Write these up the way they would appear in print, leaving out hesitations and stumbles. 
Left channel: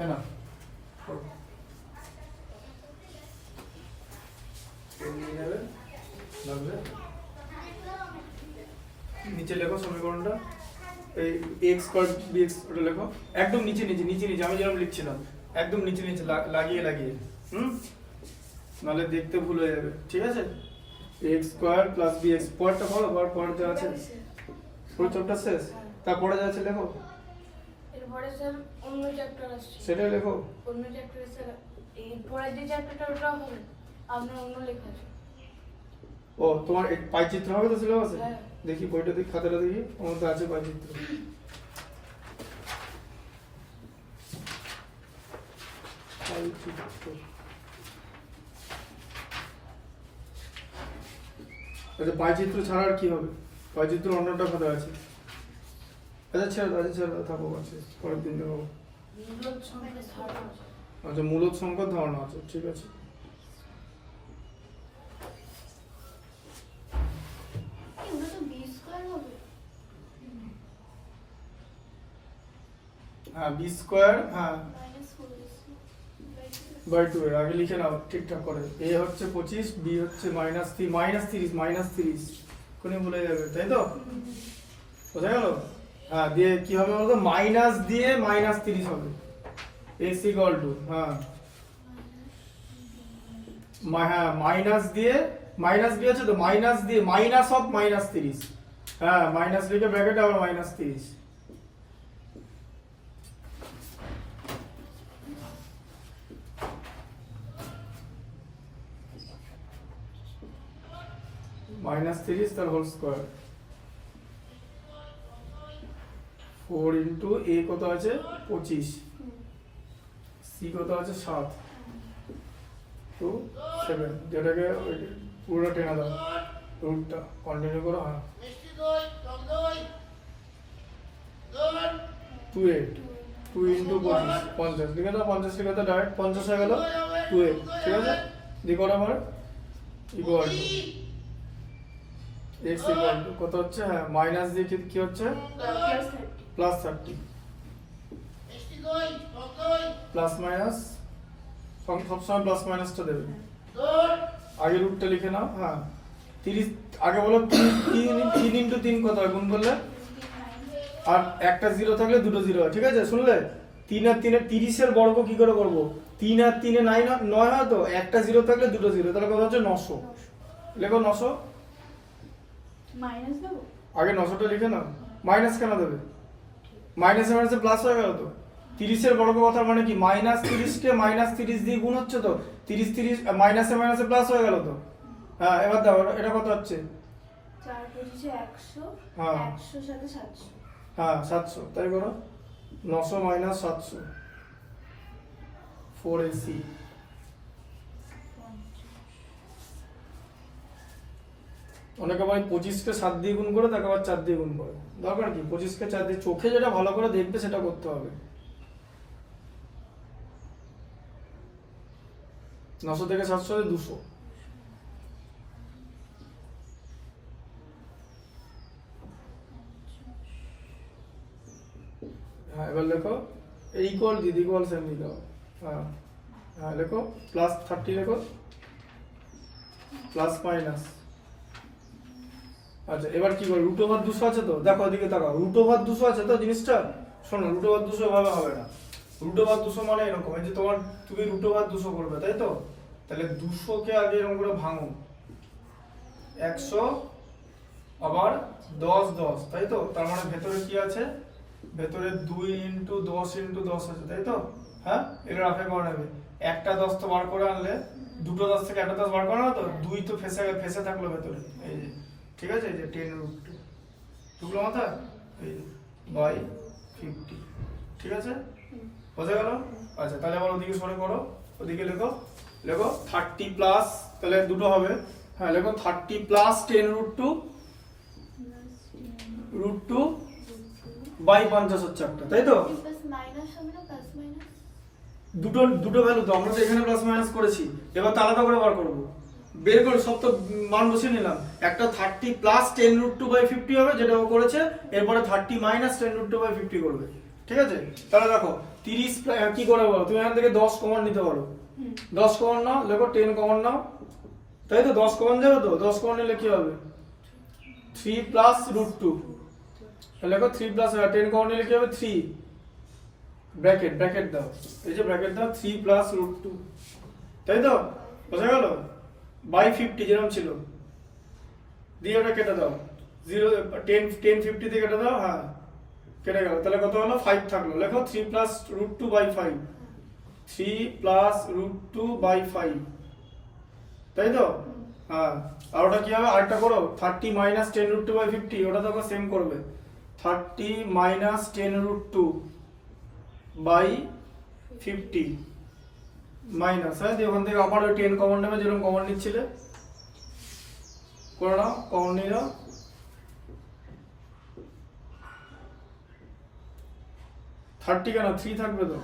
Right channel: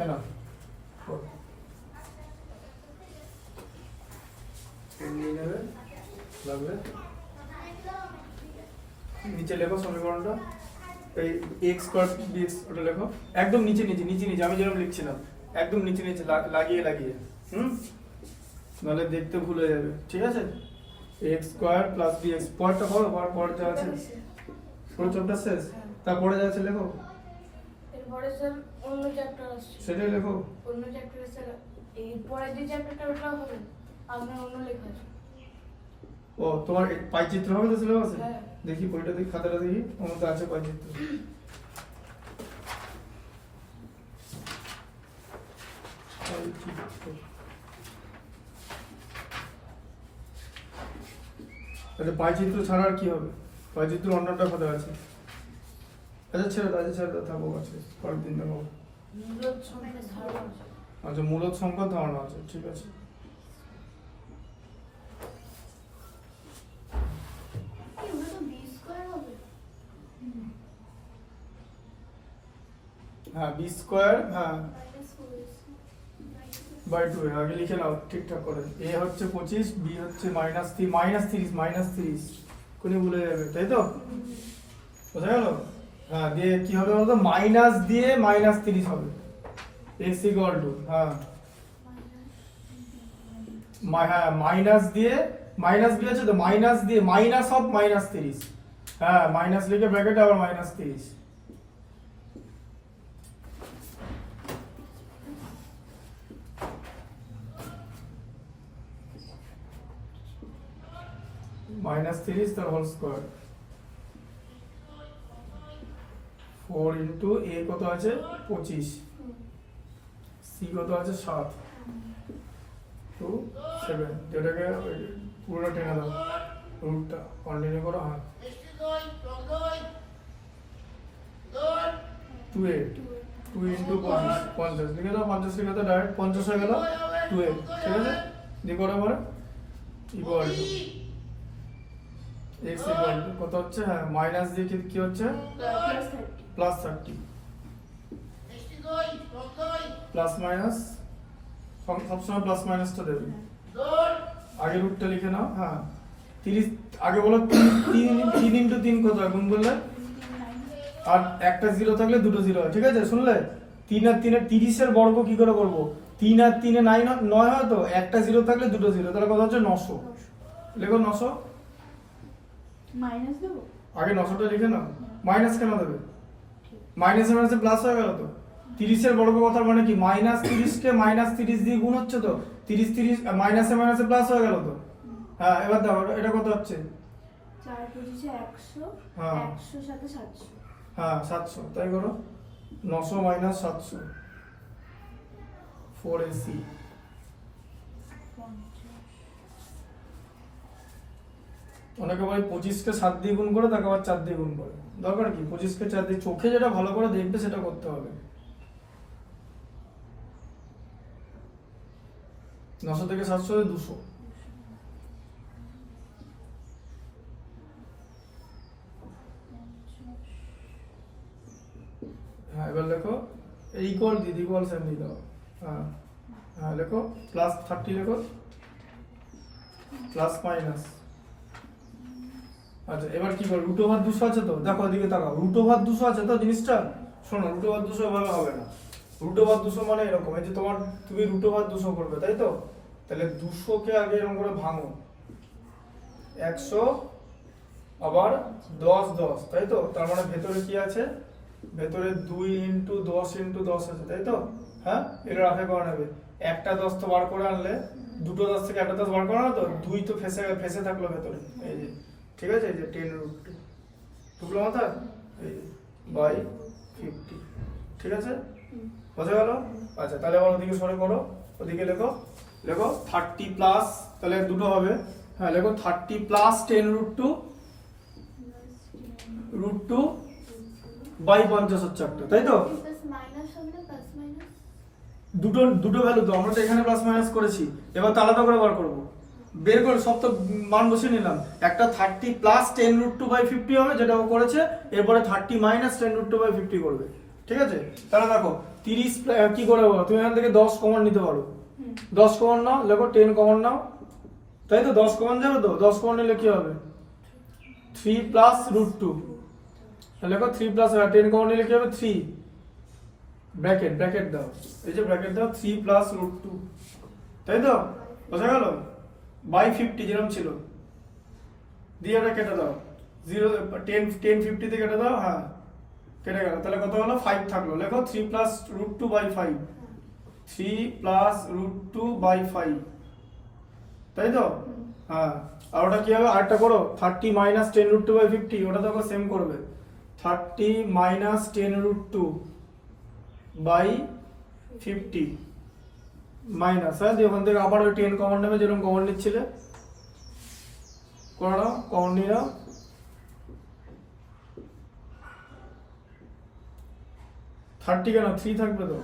না নিচে লেখো সমীকরণটা, এই এক্স স্কয়ার বিএক্স ওটা লেখো একদম নিচে নিচে নিচে নিচে, আমি যেরকম লিখছিলাম একদম নিচে নিচে লাগিয়ে লাগিয়ে, নাহলে দেখতে ভুল হয়ে যাবে। ঠিক আছে, এক্স স্কয়ার প্লাস বিএক্স, পরটা হলো পর যা আছে পুরো চ্যাপ্টার শেষ, তারপরে যা আছে লেখো। এরপরে স্যার অন্য চ্যাপ্টার আসছে, সেটাই লেখো। অন্য চ্যাপ্টারে স্যার এই পরের যে চ্যাপ্টারটা ওটা হবে আপনার অন্য লেখা আছে। ও তোমার পাইচিত্র হবে তো সিলেবাসে? হ্যাঁ। দেখি বইটা দেখি, খাতাটা দেখি, আমার তো আছে পাইচিত্র। আচ্ছা পাইচিত্র ছাড়া আর কি হবে? পাইচিত্র অন্যটা খাতা আছে। আচ্ছা ছেড়ে থাকবো, আছে পরের দিন দেখাবো। মূলদ সংখ্যার ধারণা আছে। আচ্ছা মূলদ সংখ্যার ধারণা আছে, ঠিক আছে। হ্যাঁ বি স্কোয়ার, হ্যাঁ বাই 2 এর আগে লিখে নাও ঠিকঠাক করে। এ হচ্ছে 25, বি হচ্ছে -30 কোনি ভুলে যাবে, তাই তো? বোঝা গেল? হ্যাঁ দিয়ে কি হবে বলতো, মাইনাস দিয়ে -30 হবে। x ইকুয়াল টু হ্যাঁ মাইনাস দিয়ে মাইনাস বি আছে তো, মাইনাস দিয়ে মাইনাস অফ -30, হ্যাঁ মাইনাস লিখে ব্র্যাকেটে আবার -30। -30 তার হোল স্কয়ার, 4 ইনটু a কত আছে 25, c কত আছে 7 2 7, যেটাকে পুরো টেনে দাও রুটটা, কন্টিনিউ করো। হ্যাঁ 2 ইনটু 25 50 লিখে দাও, 50 লিখে দাও, ডাইরেক্ট 50 হয়ে গেল 2a, ঠিক আছে। দিয়ে করার পরে equal to x equal to কত হচ্ছে, হ্যাঁ মাইনাস দিয়ে কি হচ্ছে +30, প্লাস মাইনাস সবসময় প্লাস মাইনাসটা দেবে। আগে রুটটা লিখে নাও। হ্যাঁ 30 আগে বলো 3 ইনটু 3 কত হয় গুণ করলে, আর একটা 0 থাকলে দুটো 0 হয়, ঠিক আছে। শুনলে 3 আর 3 এর 30 এর বর্গ কি করে করব, 3 আর 3 এ 9 হয় তো, একটা 0 থাকলে দুটো 0, তাহলে কত হচ্ছে 900। লেখো 900, মাইনাস দেব আগে 900টা লিখে নাও। মাইনাস কেন দেবে, মাইনাসে মাইনাসে প্লাস হয়ে গেল তো। 30 এর বর্গ কথার মানে কি, -30 কে -30 দিয়ে গুণ হচ্ছে তো, 30 মাইনাসে মাইনাসে প্লাস হয়ে গেল তো। হ্যাঁ এবার দাও, এটা কত হচ্ছে 4 পঁচিশে 100, হ্যাঁ 100 সাথে 700, হ্যাঁ 700, তাই করো 900 - 700 4ac। অনেকে ভাই 25কে 7 দিয়ে গুণ করে, তাকে আবার 4 দিয়ে গুণ করে, দরকার কি 25কে 4 দিয়ে, চোখে যেটা ভালো করে দেখবে সেটা করতে হবে। 900 থেকে 700 200। হ্যাঁ এবার লেখো এর ইকুয়াল দিয়ে ইকুয়াল সেম দিয়ে দাও। হ্যাঁ হ্যাঁ লেখো +30 লেখো, প্লাস মাইনাস। আচ্ছা এবার কি করো, √200 আছে তো, দেখো ওদিকে তাকাও, √200 আছে তো জিনিসটা। শোনো √200 ভাবে হবে না, √200 মানে এরকম, এই যে তুমি √200 করবে তাই তো, তাহলে 200 কে আগে এরকম করে ভাঙো, 100 আবার 10 10, তাই তো। তার মানে ভেতরে কি আছে, ভেতরে 2 ইনটু 10 ইনটু 10 আছে, তাই তো। হ্যাঁ এটা রাফে করে নেবে, একটা 10 তো বার করে আনলে, দুটো 10 থেকে একটা 10 বার করে আনো তো, 2 তো ফেসে থাকলো ভেতরে, এই যে ঠিক আছে, এই যে 10√2 ঢুকলো মাথায়, এই বাই 50, ঠিক আছে বোঝা গেল। আচ্ছা তাহলে আবার ওদিকে সরে করো, ওদিকে লেখো 30 প্লাস, তাহলে দুটো হবে। হ্যাঁ লেখো 30 প্লাস 10√2 √2 বাই 50 হচ্ছে একটা, তাই তো। দুটো ভ্যালু তো, আমরা তো এখানে প্লাস মাইনাস করেছি, এবার তো আলাদা করে বার করবো, বের করে সব তো মান বসিয়ে নিলাম। একটা 30 প্লাস 10√2/50 হবে যেটা ও করেছে, এরপরে 30 মাইনাস 10√2/50 করবে, ঠিক আছে? তাহলে দেখো 30 কি করে বলো, তুমি এখান থেকে 10 কমন নিতে পারো। 10 কমন নাও, লেখো 10 কমন নাও, তাই তো? 10 কমন যাবে তো, 10 কমন নিলে কি হবে? 3 প্লাস রুট 2, লেখো 3 প্লাস 10 কমন নিলে কি হবে? 3 ব্র্যাকেট দাও, এই যে ব্র্যাকেট দাও 3 প্লাস রুট 2, তাই তো? বোঝা গেল? বাই 50 যেরকম ছিল, দিয়ে ওটা কেটে দাও, 0 10 50 দিয়ে কেটে দাও, হ্যাঁ কেটে গেল। তাহলে কত হলো? 5 থাকলো, লেখো 3 plus root 2 by 5, 3 plus root 2 by 5, তাই তো? হ্যাঁ, আর ওটা কি হবে? আরেকটা করো, 30 মাইনাস 10 রুট 2 বাই 50, ওটা দেখো সেম করবে, 30 মাইনাস 10 রুট 2 বাই 50 মাইনাস, হ্যাঁ দিয়ে ওখান থেকে আবার ওই 10 কমন নেবে, যেরকম কমন নিচ্ছিলে করে নাও, কমন নিয়ে নাও, থার্টি কেন 3 থাকবে তো,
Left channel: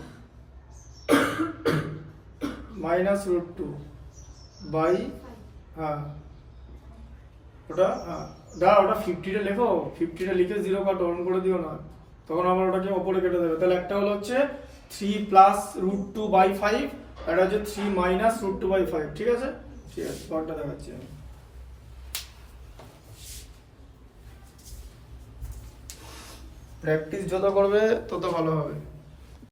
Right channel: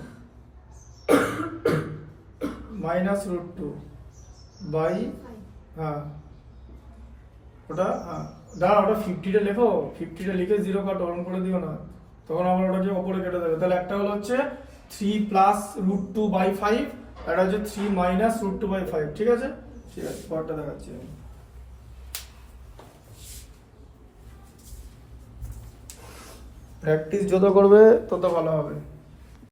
মাইনাস রুট 2 বাই, হ্যাঁ ওটা দাঁড়া, ওটা 50টা লেখো, 50টা লিখে 0 কাটো, অন করে দিও না, তখন আবার ওটাকে ওপরে কেটে দেবে। তাহলে একটা হলো হচ্ছে 3 প্লাস রুট 2 বাই 5, আর এটা হচ্ছে 3 মাইনাস রুট 2 বাই 5, ঠিক আছে? ঠিক আছে, পরটা দেখাচ্ছি আমি। প্র্যাকটিস যত করবে তত ভালো হবে।